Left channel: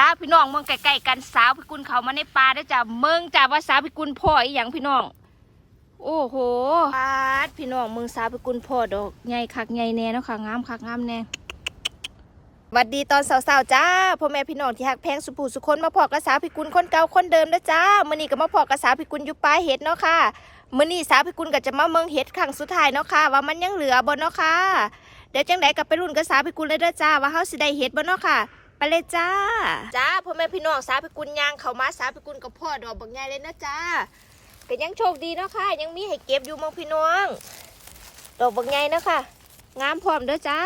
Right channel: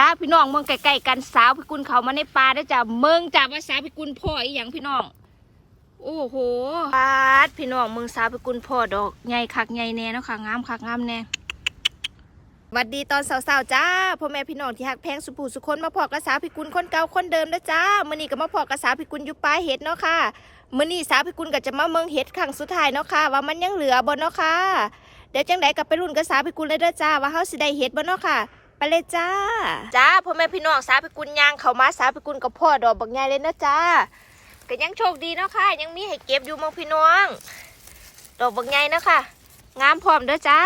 จ้าพี่น้องเมืองใกล้ๆกันสาวพิกุลเขามาในป่าได้จ้าเมืองจ้าว่าสาวพิกุลพ่ออีหยังพี่น้อง โอ้โหปาดพี่น้องเมืองสาวพิกุลพ่อดอกใหญ่คักใหญ่แน่เนาะค่ะงามคักงามแน่หวัดดีตอนสาวๆจ้าพ่อแม่พี่น้องที่หักแพงสุภูสุคนมาพอกระสาวพิกุลคนเก่าคนเดิมนะจ้ามื่อนี้ก็มาพอกระสาวพิกุลอยู่ปลายเห็ดเนาะค่ะมื่อนี้สาวพิกุลก็จะมาเมืองเห็ดครั้งสุดท้ายเนาะค่ะ ว่ามันยังเหลือบ่เนาะค่ะเดี๋ยวจังไดกับไปรุ่นกระสาวพิกุลเลยเด้อจ้าว่าเฮาสิได้เห็ดบ่เนาะค่ะ ไปเลยจ้า จ้าพ่อแม่พี่น้องสาวพิกุลยางเขามาสาวพิกุลกับพ่อดอกบักใหญ่เลยนะจ้าก็ยังโชคดีเนาะค่ะ ยังมีให้เก็บอยู่มองพี่น้อง ดอกบักใหญ่เนาะค่ะ งามพร้อมเด้อจ้า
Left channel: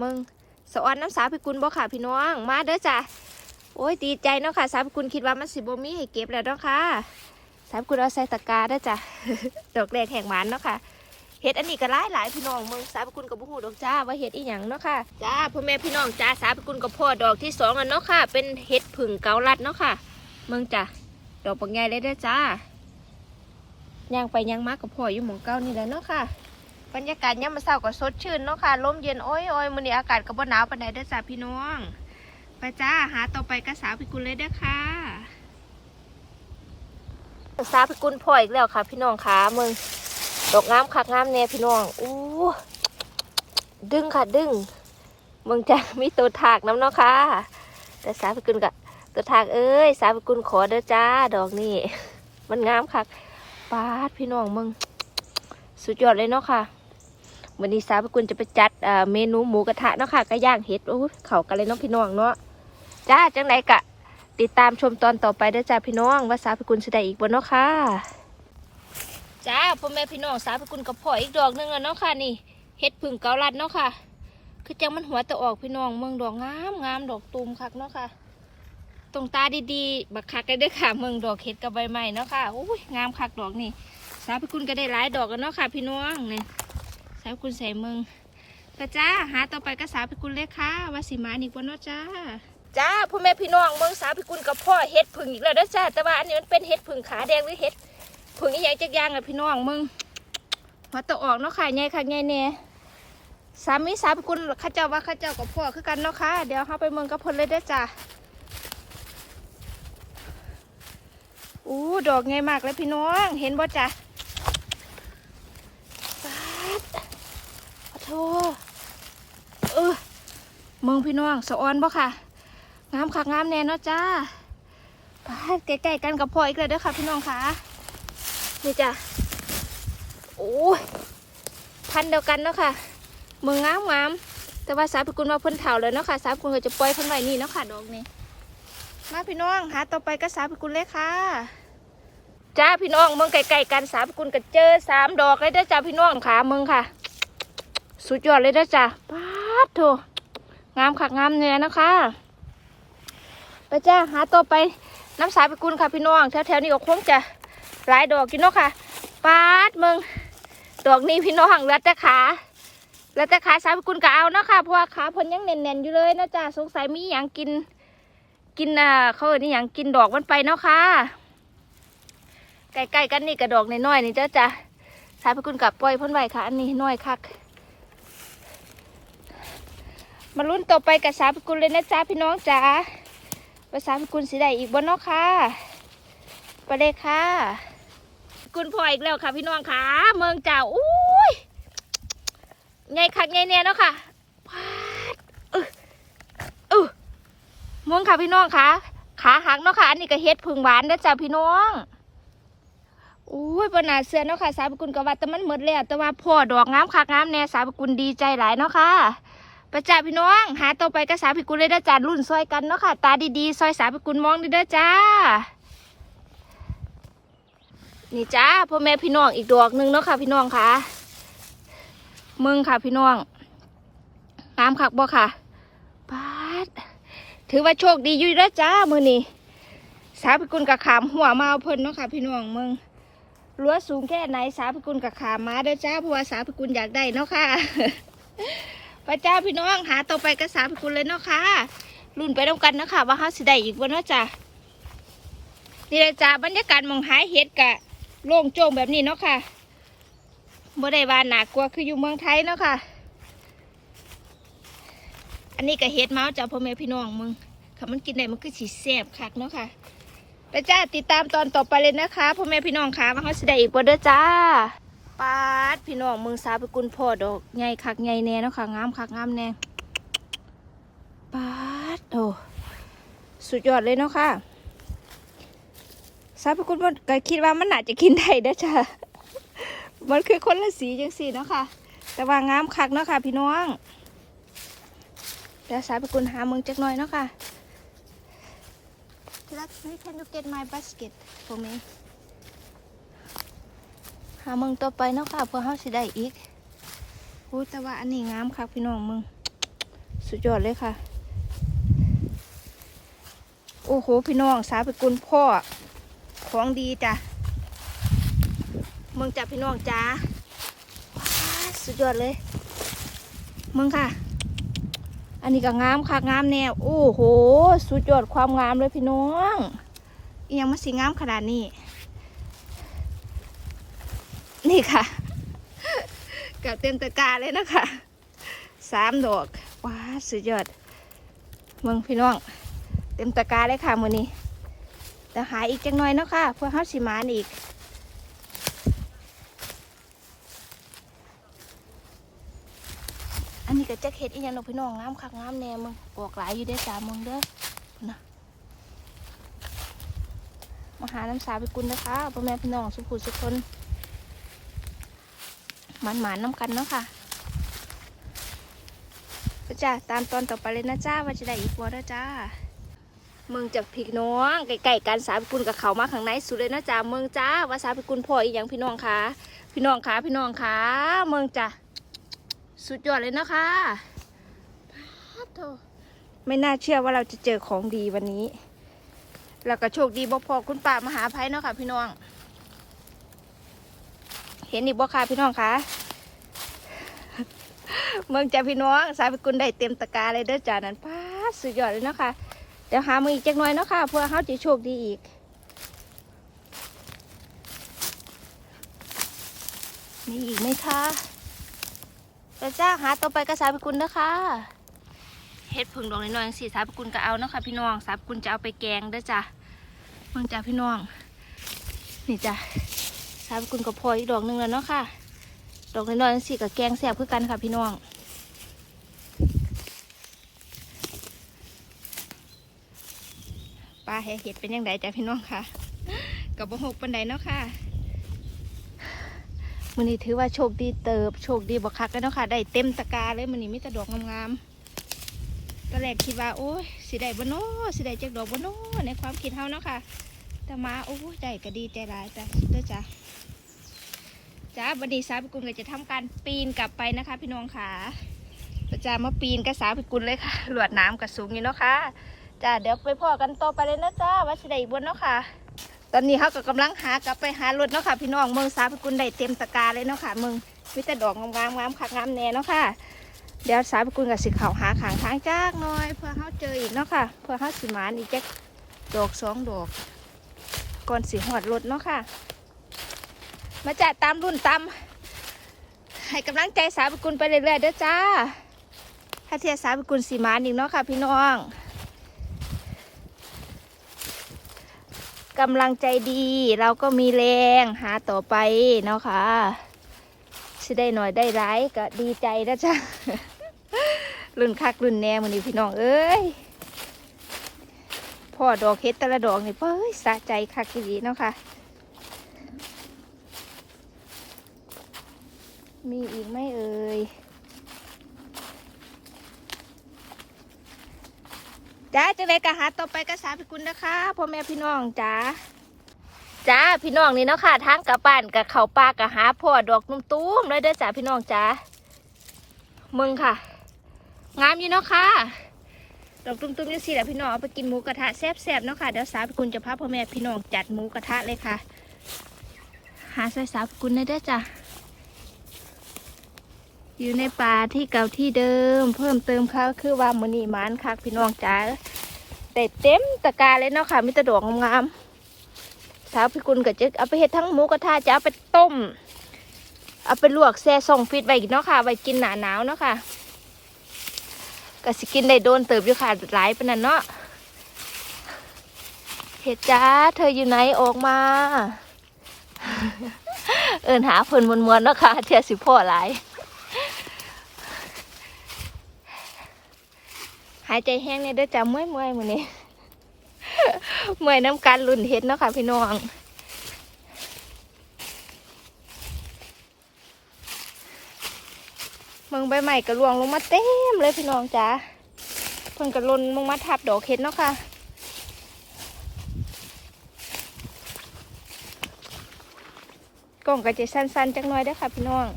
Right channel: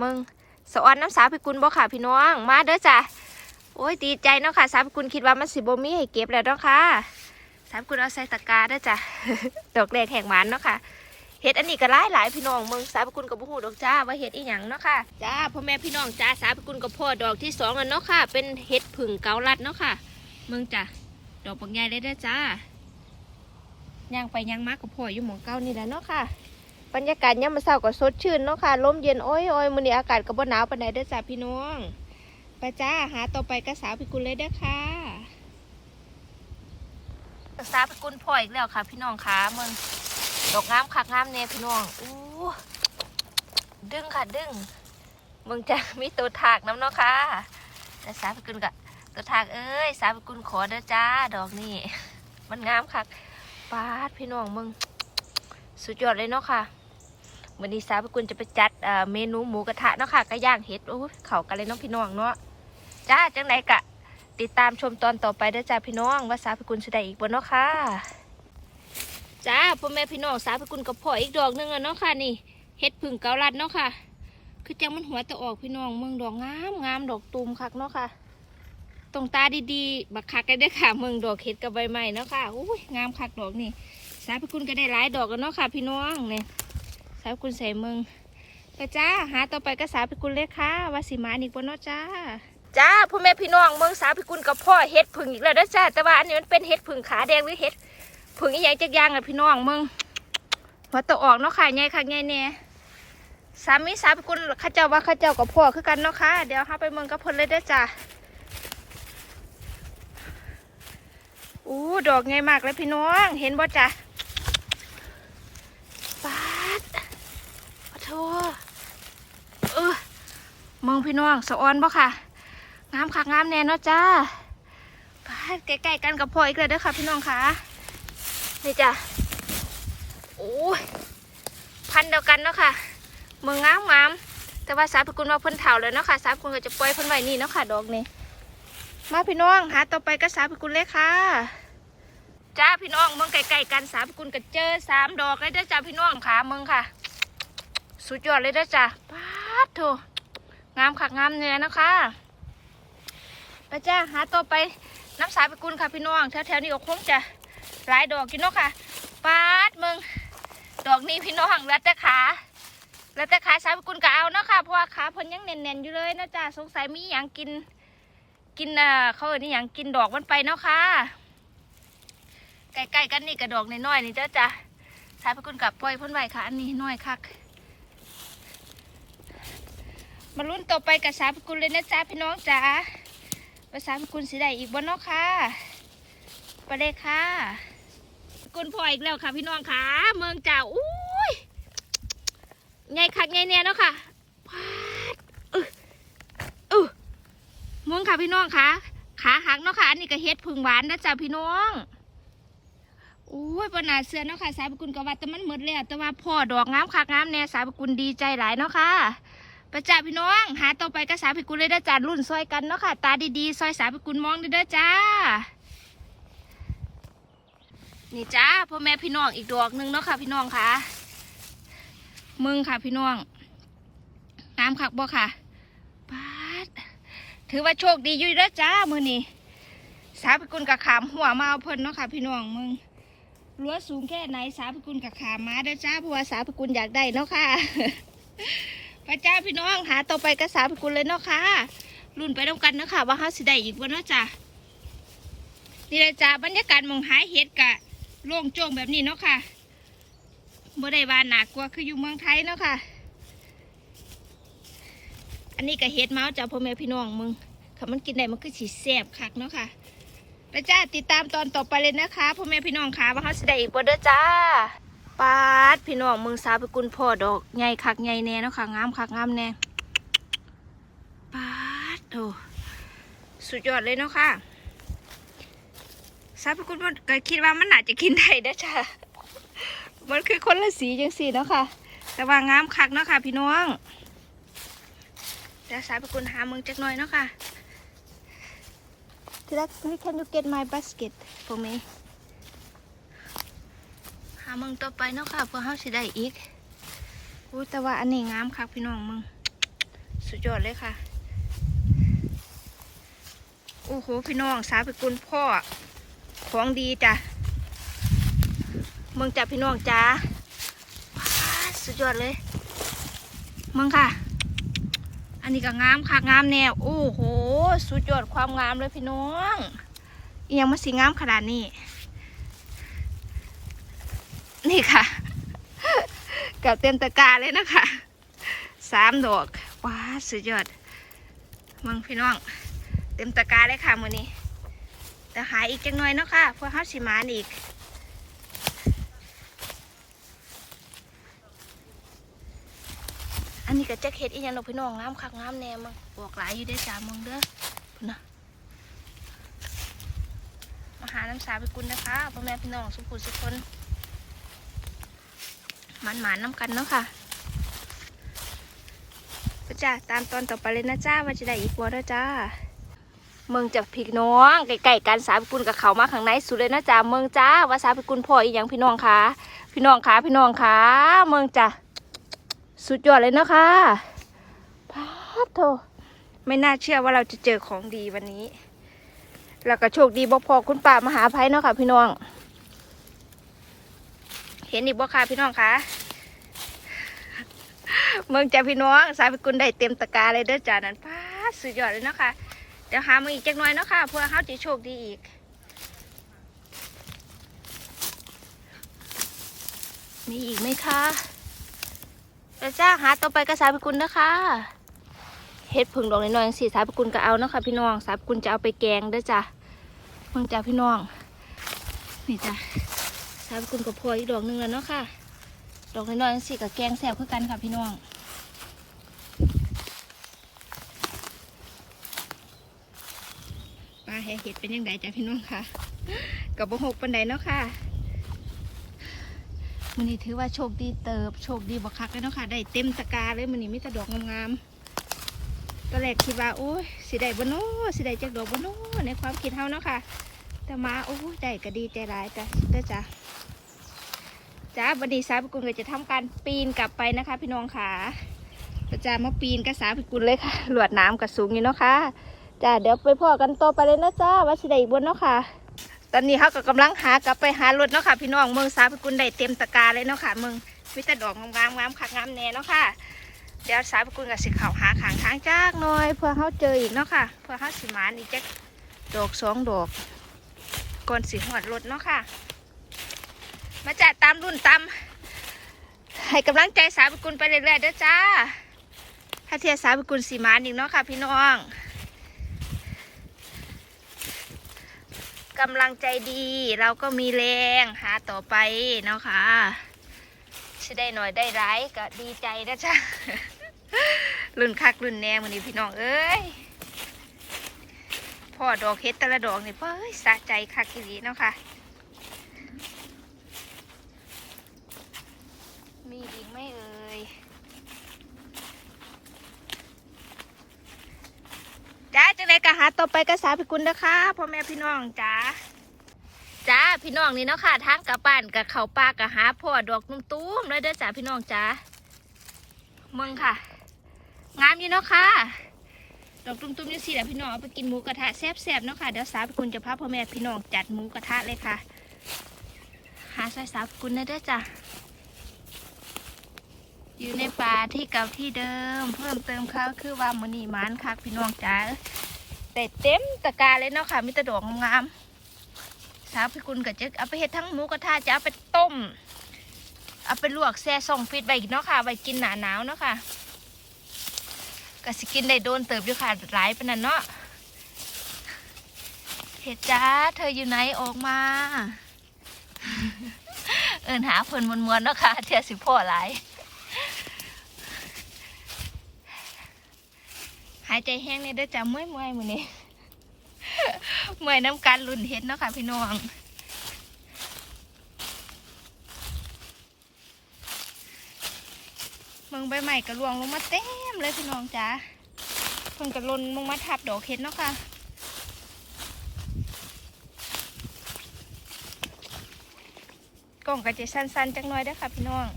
มึงสวรรค์น้ำสาวพิกุลบ่ค่ะพี่น้อง มาเด้อจ้าโอ้ยดีใจเนาะค่ะสาวพิกุลคิดว่ามันสิบ่มีให้เก็บแล้วเนาะค่ะสาวพิกุลเอาใส่ตะกร้าเด้อจ้าดอกแรกแห่งหวานเนาะค่ะ เห็ดอันนี้ก็หลายหลายพี่น้องมึงสาบกุลกับบุหูดอกจ้าว่าเห็ดอีหยังเนาะค่ะจ้าพ่อแม่พี่น้องจ้าสาบกุลกับพ่อดอกที่สองอันเนาะค่ะ เป็นเห็ดผึ่งเกาลัดเนาะค่ะมึงจ้าดอกปักใหญ่เลยเด้อจ้าย่างไปย่างมากกับพ่ออยู่หมองเก้านี่แหละเนาะค่ะบรรยากาศเนี่ยามมันเศร้าก็สดชื่นเนาะค่ะลมเย็นโอ้ยโอ้ยมื้อนี้อากาศก็บ่หนาวปานใดเด้อจ้าพี่น้องไปจ้าหาต่อไปก็สาวพิกุลเลยเด้อค่ะสาวพิกุลพ่ออีกแล้วค่ะ พี่น้องค่ะมึง ดอกงามคักงามแน่พี่น้องอู้ดึงค่ะดึงมึงจะมีตัวถากน้ำเนาะค่ะ แต่สาพิกุลกะตัวถากเอ้ย สาพิกุลขอเด้อจ้าดอกนี่มันงามคักปาดพี่น้องมึงสุดยอดเลยเนาะค่ะวันนี้สาพิกุลจะไปจัดเมนูหมูกระทะเนาะค่ะก็ย่างเห็ดโอ้เข่ากันเลยเนาะพี่น้องเนาะจ้าจังไหนกะ ติดตามชมตอนต่อไปเด้อจ้าพี่น้อง ว่าสาพิกุลจะได้อีกบนเนาะค่ะ จ้าพ่อแม่พี่น้องสาวพิกุลกับพ่ออีกดอกหนึงแล้วเนาะค่ะนี่เฮ็ดผึ่งเกาลัดเนาะค่ะ คือจังมันหัวตะออกพี่น้องเมืองดอกงามงามดอกตูมคักเนาะค่ะตรงตาดีๆบักคักได้เด้ค่ะเมืองดอกเฮ็ดกับใบไม้เนาะค่ะอุ้ยงามคักดอกนี่สาวพิกุลก็ได้หลายดอกแล้วเนาะค่ะ พี่น้องนี่สาวพิกุลใส่เมืองก็จ้าหาต่อไปก็สาวพิกุลเลยค่ะวาสิมาอีกบ่เนาะจ้าจ้าพ่อแม่พี่น้องเมืองสาวพิกุลกับพ่อเฮ็ดผึ่งอีกแล้วเด้อจ้าแต่ว่าอันนี้มันเป็นเฮ็ดผึ่งขาแดงหรือเฮ็ด ผึ่งอีหยังจักอย่างอะพี่น้องมึงหัวตะออกเนาะค่ะไงค่ะไงแน่สามีสามกุลข้าเจ้าว่าข้าเจ้ากับพ่อคือกันเนาะค่ะ เดี๋ยวเข้าไปเมืองกับพิ่นเลยได้จ้ะอู้ดอกไงมากเลยพี่น้อง เห็นบ่จ้ะปาดขอโทษเออเมืองพี่น้องสะออนบ่ค่ะ งามค่ะงามแน่เนาะจ้าปาดใกล้ๆกันกับพ่ออีกแล้วเด้อค่ะพี่น้องค่ะ นี่จ้ะโอ้ยพันเดียวกันเนาะค่ะเมืองงามงามแต่ว่าสาวพิกุลว่าเพิ่นเถาเลยเนาะค่ะสาวพิกุลก็จะปล่อยเพิ่นไว้นี่เนาะค่ะดอกนี้มาพี่น้องหาต่อไปก็สาวพิกุลเลยค่ะจ้าพี่น้องเมืองไกลๆกันสาวพิกุลก็เจอสามดอกเลยเด้อจ้าพี่น้องขาเมืองค่ะ สุดยอดเลยเด้อจ้าป๊าดโถงามคักงามเนี่ยนะคะไปจ้าหาต่อไปน้ำสาวพิกุลค่ะพี่น้องแถวๆนี้ก็คงจะ หลายดอกกินเนาะค่ะปาดมึงดอกนี้พี่น้องเลือแต่ขาเลือแต่ขาสาวพิกุลก็เอาเนาะค่ะเพราะว่าขาพนยังแน่นๆอยู่เลยนะจ๊ะสงสัยมีอย่างกิน กินอ่าเขาเอ่ยนี่อย่างกินดอกมันไปเนาะค่ะใกล้ๆกันนี่กระดอกน้อยๆนี่จ้าจ้ะสาวพิกุลกับปล่อยพ่นไว้ค่ะ อันนี้น้อยคักมาลุ้นต่อไปกับสาวพิกุลเลยนะจ๊ะพี่น้องจ๋าว่าสาวพิกุลสิได้อีกบนเนาะค่ะ ไปเลยค่ะ คุณพ่ออีกแล้วค่ะ พี่น้องค่ะ เมืองจ้าอุ้ยไงคักไงเนี่ยเนาะค่ะพาดเออเออมองค่ะพี่น้องค่ะ ขาหักเนาะค่ะ อันนี้ก็เฮ็ดพึ่งหวานนะจ้าพี่น้องอุ้ยปนาเสือเนาะค่ะ สาวกุลกว่าแต่มันหมดแล้วแต่ว่าพ่อดอกงามคักงามแน่สาวกุลดีใจหลายเนาะค่ะประจ้าพี่น้อง หาต่อไปก็สาวพิกุลเลยเด้จ้ารุ่นซอยกันเนาะค่ะ ตาดีๆซอยสาวพิกุลมองดีเด้อจ้า นี่จ้าพ่อแม่พี่น้องอีกดอกหนึ่งเนาะค่ะ พี่น้องค่ะมึงค่ะพี่น้องงามคักบ่ค่ะปาดถือว่าโชคดีอยู่แล้วจ้ามือนี่สาพิกุลกับขามหัวมาเอาเพิ่นเนาะค่ะ พี่น้องมึงรั้วสูงแค่ไหนสาพิกุลกับขามมาเด้อจ้าเพราะว่าสาพิกุลอยากได้เนาะค่ะไปจ้าพี่น้องหาต่อไปก็สาพิกุลเลยเนาะค่ะรุ่นไปด้วยกันเนาะค่ะว่าเขาสิได้อีกบ่เนาะจ้านี่เลยจ้าบรรยากาศมองหายเห็ดกะ โล่งโจ้งแบบนี้เนาะค่ะบ่ได้ว่าหนากกลัวคืออยู่เมืองไทยเนาะค่ะ อันนี้ก็เฮ็ดเมาส์จ้าพ่อแม่พี่น้องมึงค่ะมันกินได้มันก็สีแสบคักเนาะค่ะไปจ้าติดตามตอนต่อไปเลยนะคะพ่อแม่พี่น้องค่ะว่าเขาสิได้อีกบ่เด้อจ้าปาดพี่น้องเมืองสาวไปกุลพ่อดอกใหญ่คักใหญ่แน่เนาะค่ะงามคักงามแน่ปาดโอ้สุดยอดเลยเนาะค่ะ สาวไปกุลมันก็คิดว่ามันน่าจะกินได้เด้อจ้ามันคือคนละสีจังสีเนาะค่ะ แต่ว่างามคักเนาะค่ะ พี่น้องเดี๋ยวสาวไปกุลหาเมืองจักหน่อยเนาะค่ะที่รัก can you get my basket for me หาเมึงต่อไปเนาะค่ะเพื่อเฮาสิได้อีกอู้แต่ว่าอันนี้งามคักพี่น้องมึงสุดยอดเลยค่ะ โอ้โห พี่น้องสาไปกุลพ่อ ของดีจ้ะมึงจ้ะพี่น้องจ้าว้าสุดยอดเลยมึงค่ะ อันนี้ก็งามค่ะงามแนวโอ้โห สุดยอดความงามเลยพี่น้องอิหยังมาสีงามขนาดนี้ นี่ค่ะกับเต็มตะกร้าเลยนะคะสามดอกว้าสุดยอดเมืองพี่น้อง เต็มตะกร้าเลยค่ะมือนี้ แต่หายอีกจังหน่อยเนาะค่ะ เพื่อเฮาสิมานอีกอันนี้ก็จะเห็ดอีหยังดอกพี่น้องงามคักงามแน่มึงบอกหลายอยู่ได้อจ้ามึงเด้อพุ่นนะมาหาน้ำสาไปกุนนะคะพ่อแม่พี่น้องสุขุสุขคนหมันหมานน้ำกันเนาะค่ะก็จ้าตามตอนต่อไปเลยนะจ้าว่าจะได้อีกบ่เด้อจ้า เมืองจากพี่น้องใกล้ๆกันสาไปกุลกับเขามาข้างในสุดเลยนะจ้าเมืองจ้าว่าสาไปกุลพ่ออีหยังพี่น้องคะพี่น้องคะพี่น้องคะเมืองจ้าสุดยอดเลยนะคะพาโทไม่น่าเชื่อว่าเราจะเจอของดีวันนี้ แล้วก็โชคดีบ่พอคุณป่ามหาภัยเนาะค่ะพี่น้อง เห็นอีกบ่ค่ะพี่น้องคะเมืองจ้าพี่น้องสายพิกุลได้เต็มตะกร้าเลยเด้อจ้านั้นพาสุดยอดเลยเนาะค่ะ ดี๋ยวหามืออีกจักหน่อยเนาะค่ะเพื่อเขาจะโชคดีอีกมีอีกไหมคะแต่จ้าหาต่อไปก็สาพิกุลนะคะเฮ็ดผึ่งดอกน้อยๆสิสาพิกุลก็เอาเนาะค่ะพี่น้องสายพิกุลจะเอาไปแกงด้วยจ้ะมังจ้าพี่น้องนี่จ้ะสายพิกุลก็พออีกดอกหนึ่งแล้วเนาะค่ะ ดอกน้อยๆสิกับแกงแซ่บเพื่อกันค่ะพี่น้อง ปลาแห่เห็ดเป็นยังไงจ้ะพี่น้องค่ะกับบหกปันไดเนาะค่ะมันนี้ถือว่าโชคดีเติบโชคดีบักคักเลยเนาะค่ะ ได้เต็มตะกร้าเลยมันนี้มีแต่ดอกงามๆตอนแรกคิดว่าโอ้ยสิได้บ่โน้สิได้จากดอกบ่โน้ในความคิดเฮาเนาะค่ะ แต่มาโอ้ยได้ก็ดีใจร้ายจ้ะเด้อจ้ะจ้าบันนี้สาวพิกุลก็จะทำการปีนกลับไปนะคะ พี่น้องค่ะประจามาปีนกับสาวพิกุลเลยค่ะหลวดน้ำกับสูงอยู่เนาะค่ะ จ้าเดี๋ยวไปพ่อกันต่อไปเลยนะจ้าว่าสิได้อีกบนเนาะค่ะ ตอนนี้เขาก็กำลังหากลับไปหารถเนาะค่ะ พี่น้องเมืองสาพิกุลได้เต็มตะกร้าเลยเนาะค่ะเมืองมีแต่ดอกงามงามคักงามแน่เนาะค่ะ เดี๋ยวสาพิกุลกับสิเขาหาขางทางจากหน่อยเพื่อเขาเจออีกเนาะค่ะเพื่อเขาสิมานอีกจักดอกสองดอกก่อนสิหอดรถเนาะค่ะ มาจัดตามรุ่นตามให้กำลังใจสาวพิกุลไปเรื่อยๆเด้อจ้าถ้าเทียสาวพิกุลสีมานอีกเนาะค่ะ พี่น้อง กำลังใจดี เราก็มีแรงหาต่อไปเนาะค่ะสิได้หน่อยได้ร้ายก็ดีใจนะจ๊ะรุ่นคักรุ่นแนงมันนี่พี่น้องเอ้ยพ่อดอกเฮ็ดแต่ละดอกนี่เฮ้ยสะใจคักดีเนาะค่ะ มีอีกไหมเอ่ย จ้าจังไรกะหาต่อไปกระสาพิกุลนะคะพ่อแม่พี่น้องจ้าจ้าพี่น้องนี่เนาะค่ะทางกลับบ้านกับเขาป่ากะหาพ่อดอกนุ่มตุ้มเลยเด้อจ้าพี่น้องจ้ามึงค่ะ งามอยู่เนาะค่ะดอกตุ้มๆนี่สิแหละพี่น้องเอาไปกินหมูกระทะแซ่บๆเนาะค่ะเดี๋ยวสาพิกุลจะพาพ่อแม่พี่น้องจัดหมูกระทะเลยค่ะ หาใส่สาพิกุลเลยเด้อจ้า อยู่ในป่าที่เก่าที่เดิม เพิ่มเติมเขาคือว่ามือนีมานคักพี่น้องจ๋าแต่เต็มตะกร้าเลยเนาะค่ะมีต่ดอกงามๆสาวพี่กุลกับเจ๊เอาไปเฮ็ดทั้งหมูกระทะจะเอาไปต้ม เอาไปลวกแซ่ส่งฟิตไว้เนาะค่ะไว้กินหนาหนาวเนาะค่ะก็สิกินได้โดนเติบอยู่ค่ะหลายปนนั้นเนาะเห็ดจ้าเธออยู่ไหนออกมา เอินหาเพิ่นมวนๆเนาะค่ะเทียสิพ่อหลาย หายใจแห้งเนี่ยด้อจ้าเมื่อยเมื่อยมือนี้เมื่อยน้ำการลุ่นเห็ดเนาะค่ะพี่น้องเมืองใบใหม่กระลวงลงมาเต็มเลยพี่น้องจ้าเพิ่งกระลนลงมาทับดอกเห็ดเนาะค่ะกล่องก็จสั้นๆจักหน่อยเด้ค่ะพี่น้อง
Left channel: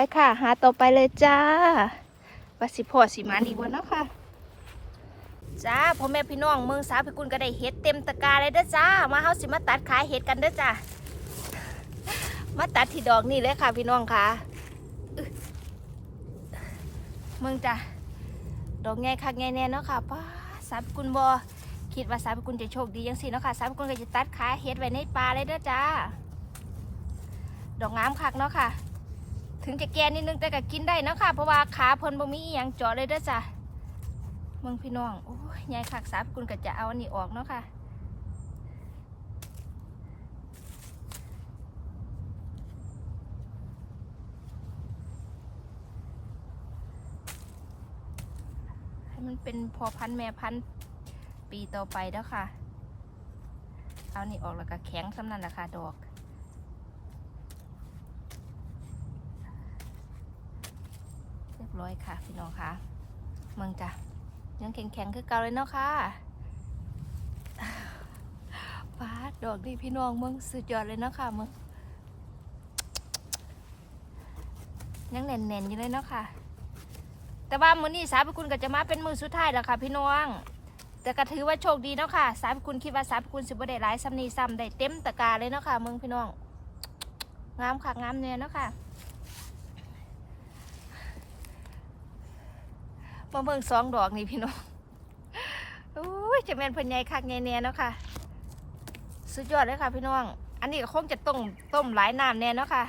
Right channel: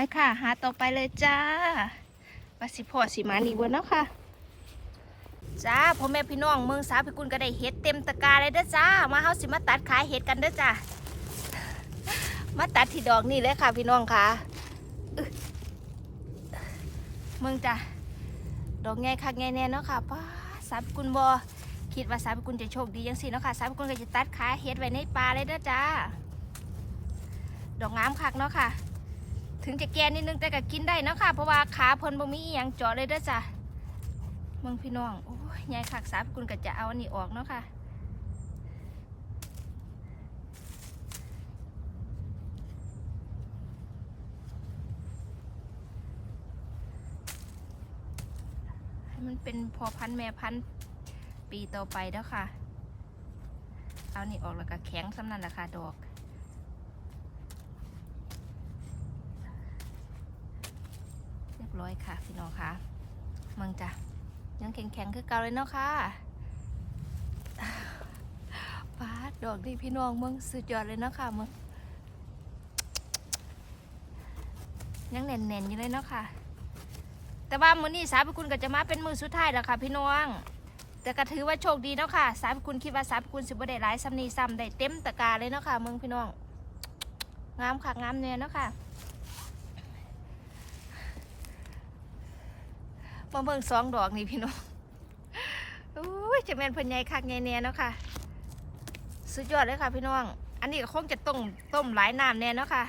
ไปค่ะ หาต่อไปเลยจ้าว่าสิพอสิมาอีกวันเนาะค่ะ จ้าพ่อแม่พี่น้องเมืองสาพิกุลก็ได้เห็ดเต็มตะกร้าเลยเด้อจ้า มาเฮาสิมาตัดขายเห็ดกันเด้อจ้า มาตัดที่ดอกนี่เลยค่ะพี่น้องค่ะเมืองจ้าดอกไงคักไงแน่เนาะค่ะป้าสาพิกุลบอคิดว่าสาพิกุลจะโชคดียังสิเนาะค่ะสาพิกุลก็จะตัดขายเห็ดไว้ในป่าเลยเด้อจ้า ดอกงามคักเนาะค่ะ ถึงจะแก่นิดนึงแต่ก็กินได้นะค่ะ เพราะว่าขาเพิ่นบ่มีอหย่างเจาะเลยเด้อจ้ะเมืองพี่น้องโอ้ยยายคักสาพี่กุลก็จะเอาอันนี้ออกเนาะค่ะให้มันเป็นพอพันแม่พันปีต่อไปแล้วค่ะ เอานี่ออกแล้วก็แข็งสำนันแหละค่ะดอก เร้อยค่ะพี่น้องค่ะเมืองจ้ะยังแข็งๆคือเก่าเลยเนาะค่ะป้าดดอกดีพี่น้องเมืองสุดยอดเลยเนาะค่ะเมืองยังแน่นๆอยู่เลยเนาะค่ะ แต่ว่ามื้อนี้สาพิคุณก็จะมาเป็นมือสุดท้ายแล้วค่ะ พี่น้อง แต่ก็ถือว่าโชคดีเนาะค่ะ สาพิคุณคิดว่าสาพิคุณสิบ่ได้หลายซ้ำนี้ซ้ำได้เต็มตะกร้าเลยเนาะค่ะเมืองพี่น้อง งามค่ะงามเนี่ยเนาะค่ะ มาเบิ่งสองดอกนี่พี่น้องโอ้ยจะแม่นเพิ่นใหญ่คักใหญ่แน่เนาะค่ะ สุดยอดเลยค่ะพี่น้อง อันนี้ก็คงจะต้มต้มหลายน้ำแน่เนาะค่ะ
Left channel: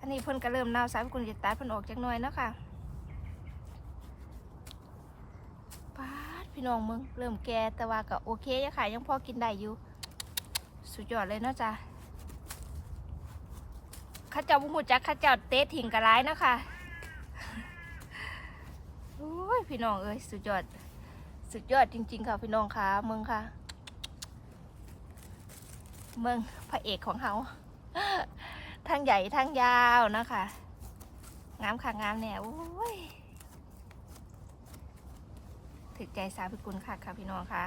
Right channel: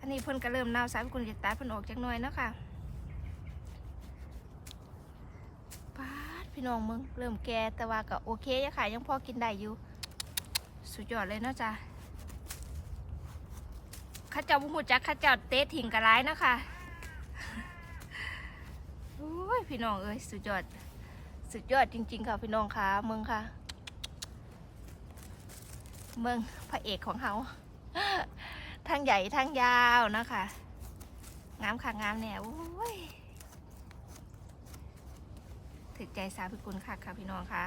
อันนี้เพิ่นก็เริ่มเน่าสายคุณจะตัดเพิ่นออกจากหน่อยเนาะค่ะปาดพี่น้องมึงเริ่มแก่แต่ว่าก็โอเคอยู่ค่ะยังพอกินได้อยู่ สุดยอดเลยเนาะจ้ะข้าเจ้าบุหูจักข้าเจ้าเตะถิ่งกระไรเนาะค่ะ โอ้ยพี่น้องเอ้ยสุดยอด สุดยอดจริง ๆ ค่ะพี่น้องค่ะเมืองค่ะ เมืองพระเอกของเขาทั้งใหญ่ทั้งยาวนะคะงามค่ะงามแน่โอ้ยถึกใจสาวพิกุลค่ะค่ะพี่น้องค่ะ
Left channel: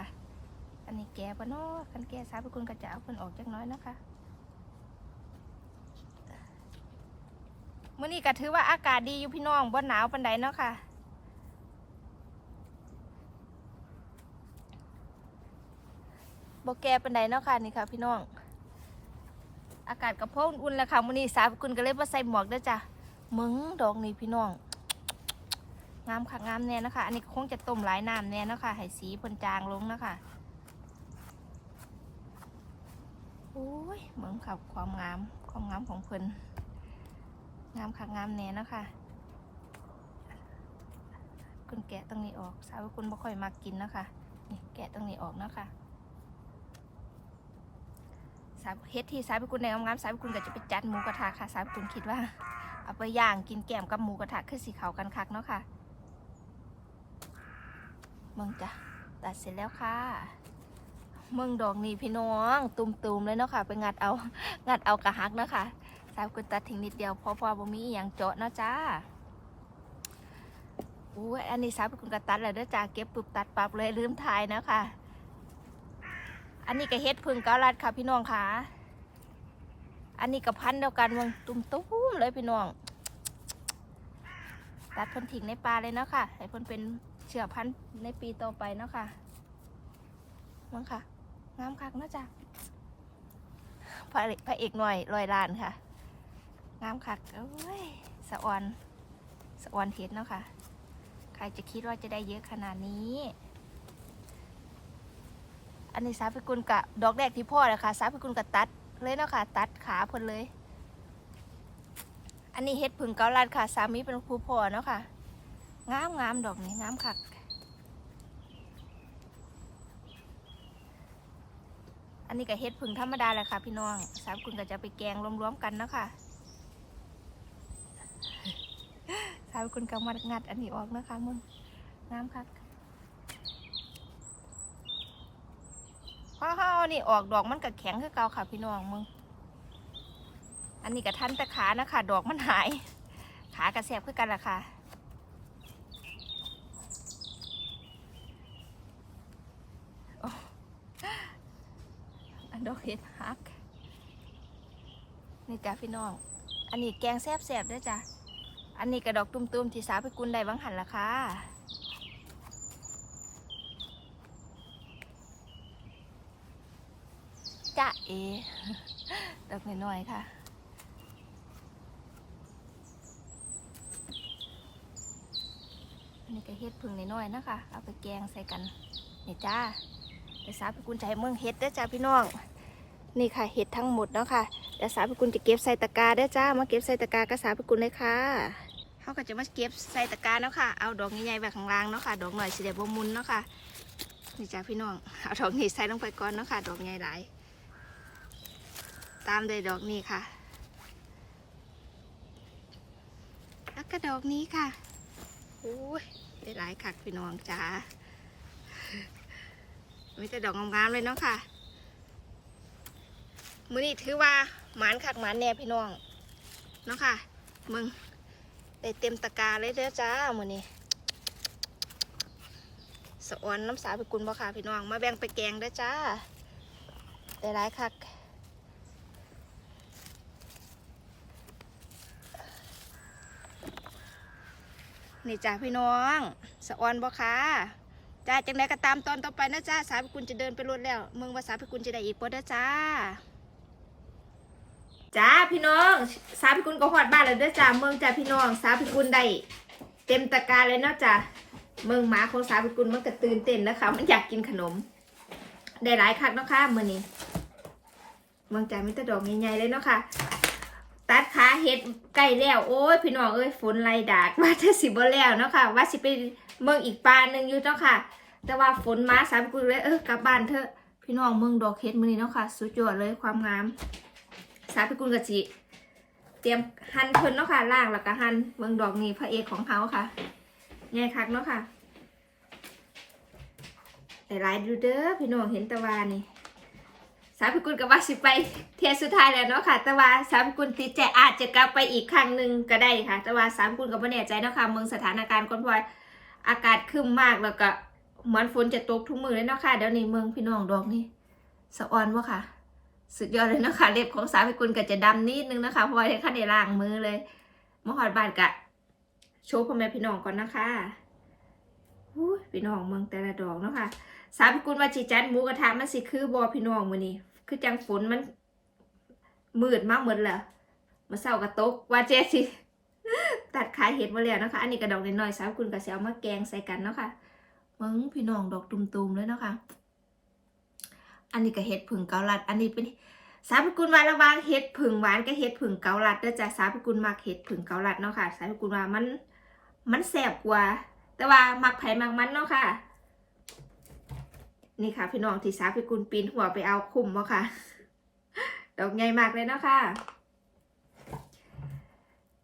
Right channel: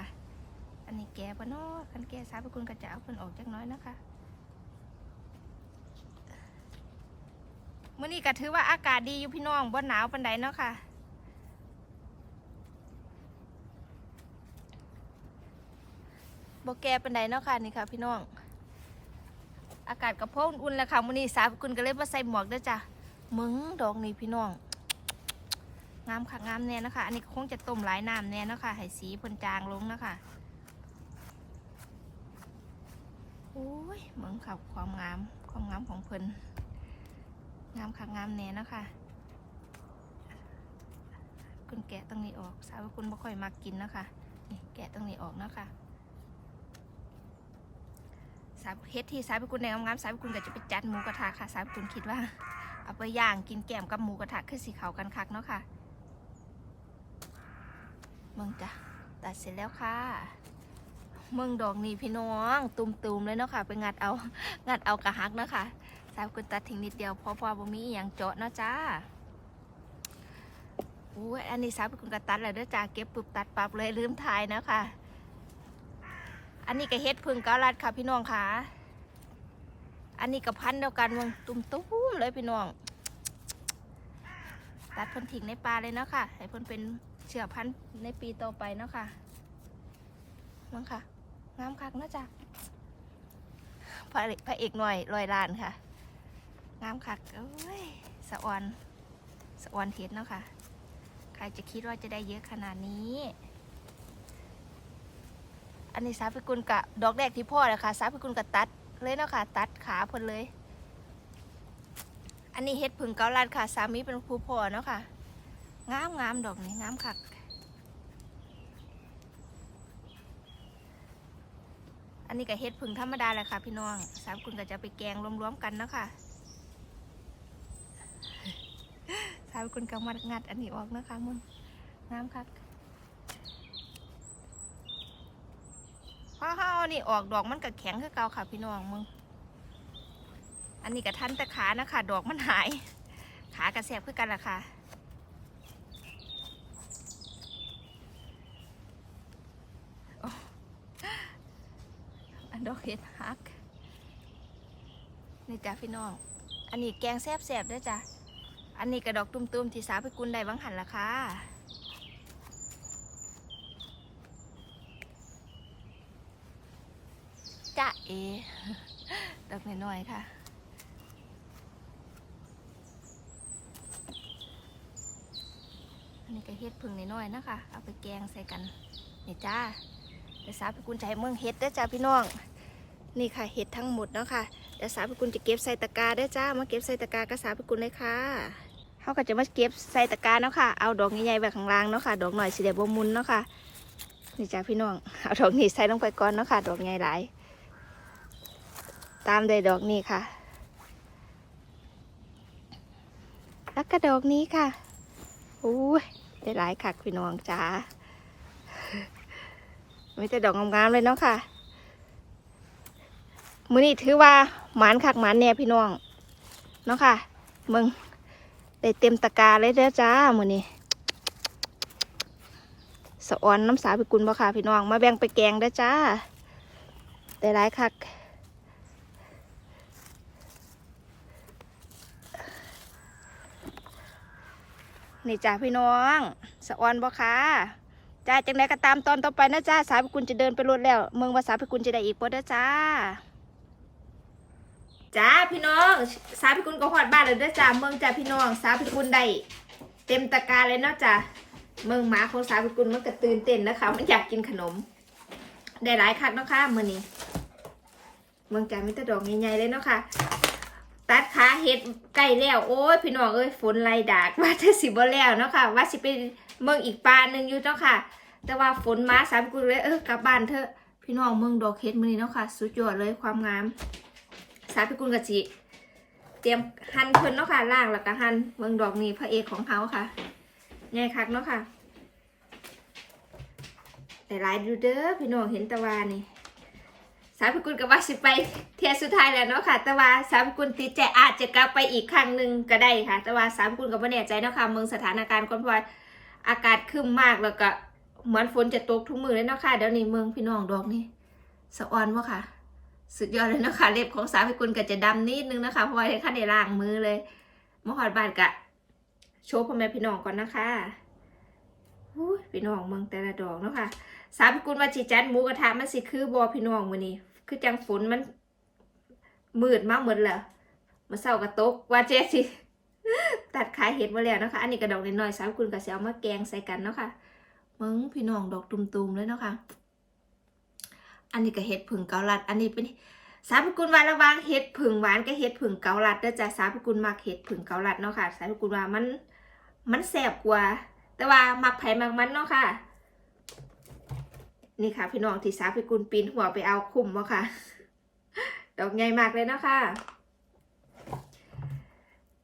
อันนี้แก่ปะเนาะคันแก่สาวพิกุลก็จะเอาเพิ่นออกจักน้อยนะคะมื่อนี้ก็ถือว่าอากาศดีอยู่พี่น้องบ่หนาวปันใดเนาะค่ะ บแกเป็นไดเนาะค่ะนี่ค่ะ พี่น้อง อากาศกระเพาะอุ่นๆแล้วค่ะมื้อนี้สาวกุลก็เลยมาใส่หมวกด้อจ้ะมึงดอกนี่พี่น้อง งามค่ะงามแน่เนาะคะ อันนี้คงจะต้มหลายน้ำแน่เนาะค่ะให้สีพ่นจางลงเนาะคะโอ้ยเมืองขับความงาม ความงามของเพิ่นงามค่ะงามแน่เนาะค่ะคุณแกะตรงนี้ออก สาวกุลบ่ค่อยมักกินเนาะค่ะนี่แกะตรงนี้ออกเนาะค่ะายเฮ็ดที่สายพิกุลในงามๆสายพิกุลก็จะไปจัดหมูกระทะค่ะสายพิกุลคิดว่า เอาไปย่างกินแกมกับหมูกระทะคือสีขาวกันคักเนาะค่ะเมืองจ้ะตัดเสร็จแล้วค่ะเมืองดอกนี่พี่น้องตุ่มๆเลยเนาะค่ะ ไปงัดเอางัดเอากระหักเนาะค่ะสายพิกุลตัดทิ้งนิดเดียวเพราะว่าบ่มีอย่างเจาะเนาะจ้าอู้อันนี้สายพิกุลก็ตัดแล้วเด้อจ้าเก็บปุบตัดปั๊บเลยลืมถ่ายเนาะค่ะ อันนี้ก็เฮ็ดพึ่งเกาลัดค่ะพี่น้องค่ะ อันนี้ก็พันเดียวกันวงตุ้มตุ้มๆเลยพี่น้องตัดเพิ่นทิ้งในปลาเลยเนาะค่ะ ให้เพิ่นเป็นเชื้อพันธุ์ในปีต่อไปเนาะค่ะมั้งค่ะ งามคักนะจ้ะพระเอกพระเอกหน่อยลอยลานค่ะ งามคักโอ้ยสะออนสะออนเห็ดเนาะค่ะ ใครจะคิดว่าจะได้เยอะขนาดนี้ อันนี้สาพิกุลกะดอกแรกที่พ่อเลยค่ะสาพิกุลกะตัดเลยเนาะค่ะ ตัดขาเพิ่นเลย อันนี้เฮ็ดผึ่งเกาลัดค่ะ สามีเป็นครูพ่อเนาะค่ะงามงามดอกนี่งามคักอันนี้ก็เฮ็ดผึ่งธรรมดาแหละค่ะ พี่น้องสามคุณก็จะไปแกงรวมๆกันเนาะคะสามคุณก็มางัดอันนี้ออกนะคะมึงงามคัก พอเฮาเอานี่ออกดอกมันก็แข็งคือเก่าค่ะ พี่น้องมึง อันนี้ก็ทันต่ขานะคะ ดอกมันหาย ขากระแสบคือกันล่ะค่ะอ้อันดอกเห็ดฮัก นี่จ้ะพี่น้อง อันนี้แกงแซ่บๆด้วยจ้ะ อันนี้กระดอกตุ้มๆที่สาวไปกุนได้บังหันละค่ะ จ้ะ เอดอกน้อยๆค่ะอันนี้ก็เฮ็ดพึ่งน้อยๆนะคะ เอาไปแกงใส่กันนี่จ้าเดี๋ยวสาวพิกุลจะให้เมืองเฮ็ดด้อจ้าพี่น้อง นี่ค่ะเฮ็ดทั้งหมดเนาะค่ะเดี๋ยวสาวพิกุลจะเก็บใส่ตะกร้าด้อจ้า มาเก็บใส่ตะกร้ากับสาวพิกุลเลยค่ะเขาก็จะมาเก็บใส่ตะกร้าเนาะค่ะ เอาดอกใหญ่ๆไว้ข้างล่างเนาะค่ะ ดอกหน่อยสิเดี๋ยวบ่มุนเนาะค่ะ นี่จ้าพี่น้อง เอาดอกนี้ใส่ลงไปก่อนเนาะค่ะ ดอกใหญ่หลาย ตามด้วยดอกนี้ค่ะ แล้วก็ดอกนี้ค่ะอู้ยได้หลายคักพี่น้องจ้าไมีแต่ดอกงามๆเลยเนาะค่ะ มือนี้ถือว่าหมานคักหมานเนี่ยพี่น้องเนาะค่ะมึงได้เต็มตะกร้าเลยเด้อจ้ามือนี้สะออนน้ำสาพิกุลบ่ค่ะพี่น้องมาแบ่งไปแกงเด้อจ้าได้หลายคัก นี่จ้าพี่น้องสะออนบ่ค่ะจ้าจังไดก็ตามตอนต่อไปนะจ้าสาวพิกุลจะเดินไปรถแล้วเมืองว่าสาวพิกุลจะได้อีกบ่เด้อจ้าจ้าพี่น้องสาวพิกุลก็ฮอดบ้านแล้วเด้อจ้าเมืองจ้าพี่น้องสาวพิกุลได้เต็มตะกร้าเลยเนาะจ้าเมืองหมาของสาวพิกุลมันก็ตื่นเต้นนะคะมันอยากกินขนม ได้หลายคักเนาะค่ะมื้อนี้เมืองจ้ามีแต่ดอกใหญ่ๆเลยเนาะค่ะ ตัดขาเห็ดใกล้แล้วโอ้ยพี่น้องเอ้ยฝนไล่ดากว่าจะสิบ่แล้วเนาะค่ะว่าสิไปเมืองอีกปลาหนึ่งอยู่เนาะค่ะ แต่ว่าฝนมาสามกุลเลยเออกลับบ้านเถอะพี่น้องเมืองดอกเห็ดมือนี้เนาะค่ะ สุดยอดเลยความงามสามพิกุลกะจิเตรียมหั่นเพิ่นเนาะค่ะล่างแล้วก็หั่นเมืองดอกนี่พระเอกของเขาค่ะง่ายคักเนาะค่ะแต่หลายดูเด้อพี่น้องเห็นตะวานี่ สาวพิกุลกับว่าสิไปเทียสุดท้ายแล้วเนาะค่ะ แต่ว่าสาวพิกุลติดใจอาจจะกลับไปอีกครั้งหนึ่งก็ได้ค่ะ แต่ว่าสาวพิกุลกับว่าแน่ใจเนาะค่ะเมืองสถานการณ์ก่อนพราะว่าอากาศครึ้มมากแล้วก็เหมือนฝนจะตกทุกมือเลยเนาะค่ะเดี๋ยวนี้เมืองพี่น้องดอกนี่สะออนวะค่ะ สุดยอดเลยเนาะค่ะเล็บของสาวพิกุลก็จะดำนิดนึงนะคะเพราะว่าได้ขั้นได้ล้างมือเลยมหอดบานกะโชว์พ่อแม่พี่น้องก่อนนะคะพี่น้องเมืองแต่ละดอกเนาะค่ะสาวพิกุลว่าจีจันหมูกระทะมันสิคือบอพี่น้องมือนี้ คือจังฝนมันมืดมากเหมือนเหรอมาเศร้ากระตกว่าเจ๊สิตัดขายเห็ดมาแล้วนะคะ อันนี้กระดอกน้อยๆสามคุณกับเสียวมาแกงใส่กันเนาะค่ะมึงพี่น้องดอกตุ่มๆเลยเนาะค่ะอันนี้ก็เห็ดผึ่งเกาลัด อันนี้เป็นสาวพิกุลว่าระวางเห็ดผึ่งหวานกับเห็ดผึ่งเกาลัดเด้อจ้ะสาวพิกุลมักเห็ดผึ่งเกาลัดเนาะค่ะ สาวพิกุลว่ามันมันแสบกว่า แต่ว่ามักไผ่มักมันเนาะค่ะ นี่ค่ะ พี่น้องที่สาพิกุลปีนหัวไปเอาคุ้มมาค่ะ ดอกใหญ่มากเลยเนาะค่ะ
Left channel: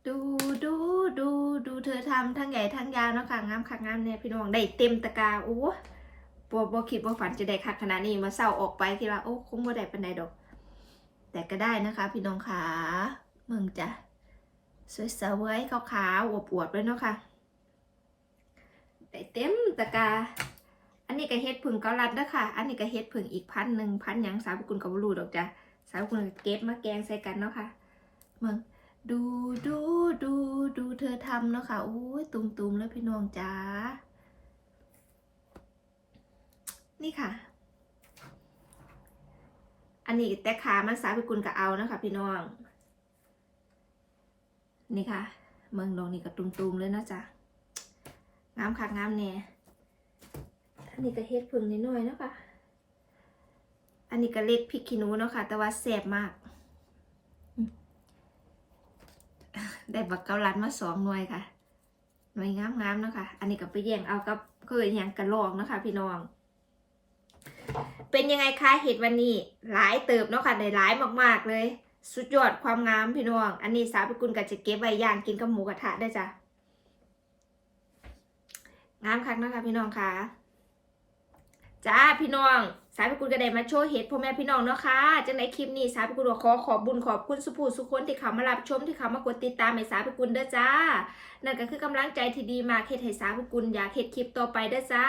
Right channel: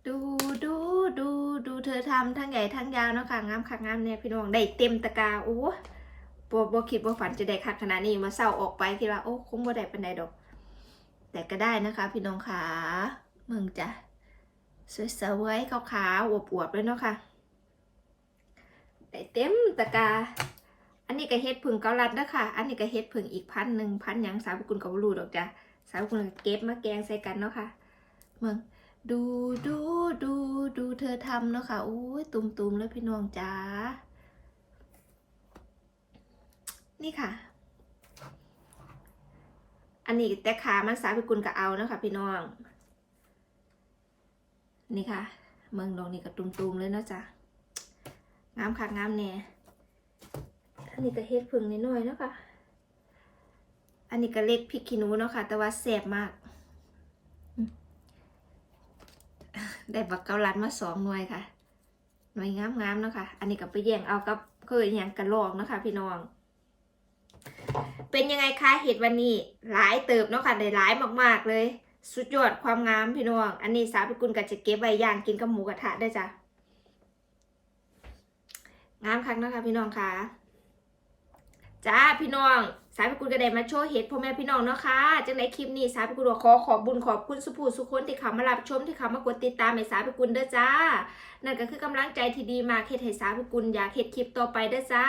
ดูดูดูดูเธอทำทั้งใหญ่ทั้งยาวเนาะค่ะงามคักงามเนี่ยพี่น้องได้เต็มตะกร้าโอ้บ่บ่คิดว่าฝันจะได้คักขนาดนี้มาเศร้าออกไปคิดว่าโอ้คงบ่ได้ปันใดดอก แต่ก็ได้นะคะ พี่น้องขามึงจ้ะสวยๆขาวๆอวบๆเลยเนาะค่ะได้เต็มตะกร้า อันนี้ก็เฮ็ดผึ่งเกาลัดเด้อค่ะ อันนี้ก็เฮ็ดผึ่งอีกพันหนึ่งพันยังสาวกุลกับรูดอกจ้ะสาวกุลเก็บมาแกงใส่กันเนาะค่ะมึงดูดูดูดูเธอทำเนาะค่ะโอ้ยตุ่มๆแล้วพี่น้องจ้านี่ค่ะ อันนี้แต่ขามันสาวกุลก็เอาเนาะค่ะพี่น้อง นี่ค่ะ เมืองดองนี่ก็ตุ่มๆเลยเนาะจ้ะงามคักงามแน่ อันนี้ก็เฮ็ดผึ่งนิดหน่อยๆเนาะคะอันนี้ก็เล็กพริกขี้หนูเนาะค่ะ แต่ว่าแซ่บมากอืมได้บักเกาลัดมาสองหน่วยค่ะ หน่วยงามๆเนาะค่ะ อันนี้ก็ไปแย่งเอากับเคยอย่างกระลอกเนาะคะพี่น้อง เป็นยังไงคะเห็ดวันนี้ หลายเติบเนาะค่ะ ได้หลายมากๆเลย สุดยอดความงามพี่น้อง อันนี้สาวพิกุลก็จะเก็บไว้ย่างกินกับหมูกระทะได้จ้ะงามคักเนาะคะพี่น้องค่ะ จ้าพี่น้อง สายพิกุลก็ได้มาโชว์เห็ดพ่อแม่พี่น้องเนาะค่ะจังในคลิปนี้สายพิกุลขอขอบบุญขอบคุณสุภูสุคนที่เขามารับชมที่เขามากดติดตามให้สายพิกุลเด้อจ้า นั่นก็คือกำลังใจที่ดีมาเฮ็ดให้สาวพิกุลอยากเฮ็ดคลิปต่อไปเด้อจ้า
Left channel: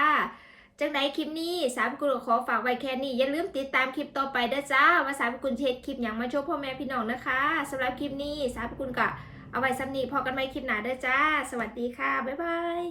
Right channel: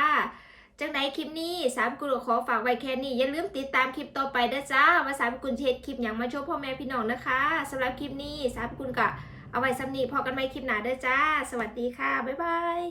จังไหนคลิปนี้สาวพิกุลขอฝากไว้แค่นี้ อย่าลืมติดตามคลิปต่อไปเด้อจ้า ว่าสาวพิกุลเฮ็ดคลิปหยังมาโชว์พ่อแม่พี่น้องนะคะสำหรับคลิปนี้สาวพิกุลก็เอาไว้ซ้ำนีพอกันใหม่คลิปหน้าเด้อจ้า สวัสดีค่ะ บ๊ายบาย